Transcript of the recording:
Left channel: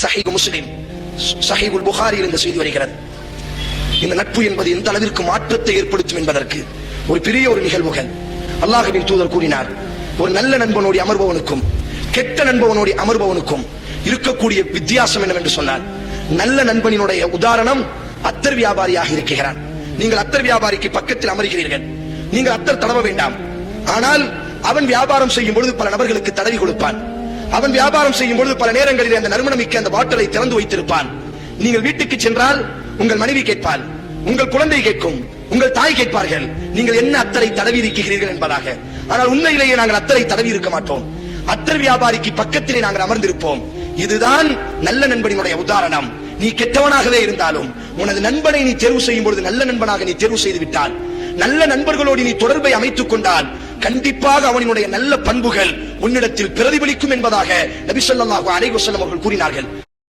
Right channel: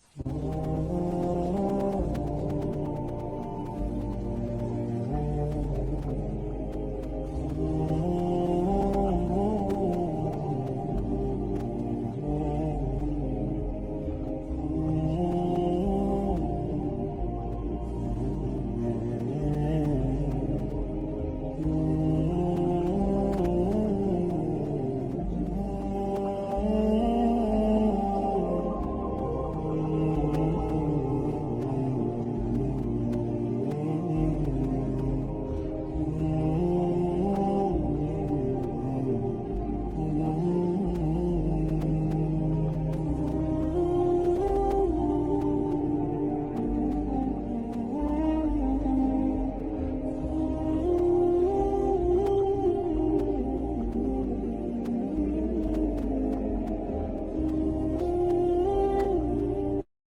சஹீஹ் முஸ்லிம், சஹீஹுல் புகாரியில் இந்த செய்தி வருகிறது. இந்த நட்பு என்பது எந்த அளவிற்கு மாற்றத்தை ஏற்படுத்தும் என்பதற்கு ஒரு பெரிய ஒரு நிகழ்வுகள். அல்லாஹ்வின் தூதர் கூறினார், ஒரு நல்ல நண்பனோடு அமர்பவனுக்கும் கெட்ட நண்பவனோடு அமர்பவனுக்கும் இருக்கக்கூடிய வித்தியாசம் என்னவென்று சொன்னார். நல்ல நண்பனினுடைய உதாரணம் அத்தர் வியாபாரியாக இருக்கிறான். நீங்கள் அத்தர் வியாபாரிக்கு பக்கத்தில் அமர்கிறீர்கள், நீங்கள் அத்தர் தடவ வேண்டாம். ஆனால் அவன் வியாபாரம் செய்யும் பொழுது பல நபர்களுக்கு தடவி கொடுப்பான். அவன் வியாபாரம் செய்யும் பொழுது பல நேரங்களில் அந்த நறுமணமிக்க அந்த பாட்டிலை திறந்து வைத்திருப்பான். நீங்கள் வீட்டுக்கு சென்றால் உங்கள் மனைவி கேட்பாள், உங்கள் குழந்தை கேட்கும், உங்கள் தாய் கேட்பார்கள், நீங்கள் என்ன அத்தரை தடவி இருக்கிறீர்கள் என்பதாக. ஆனால் உண்மையிலேயே நாங்கள் அத்தரை தடவி இருக்க மாட்டோம். அத்தர் வியாபாரிக்கு பக்கத்திலே நாங்கள் அமர்ந்திருப்போம். இதுதான் நல்ல நண்பனினுடைய உதாரணம். நீ கெட்டவனாகவே இருந்தாலும் உனது நண்பனை நீ தேர்வு செய்யும் பொழுது நல்ல நண்பனாக நீ தேர்வு செய்து விட்டால், நல்ல நண்பர்களோடு நீ தொடர்பை அமைத்துக் கொண்டால், கண்டிப்பாக அவனுடைய நல்ல பண்புகள் உன்னிடத்தில் பிரதிபலிக்கும் என்பதாக நபி ஸல்லல்லாஹு அலைஹி வஸல்லம் அவர்கள் கூறினார்கள்.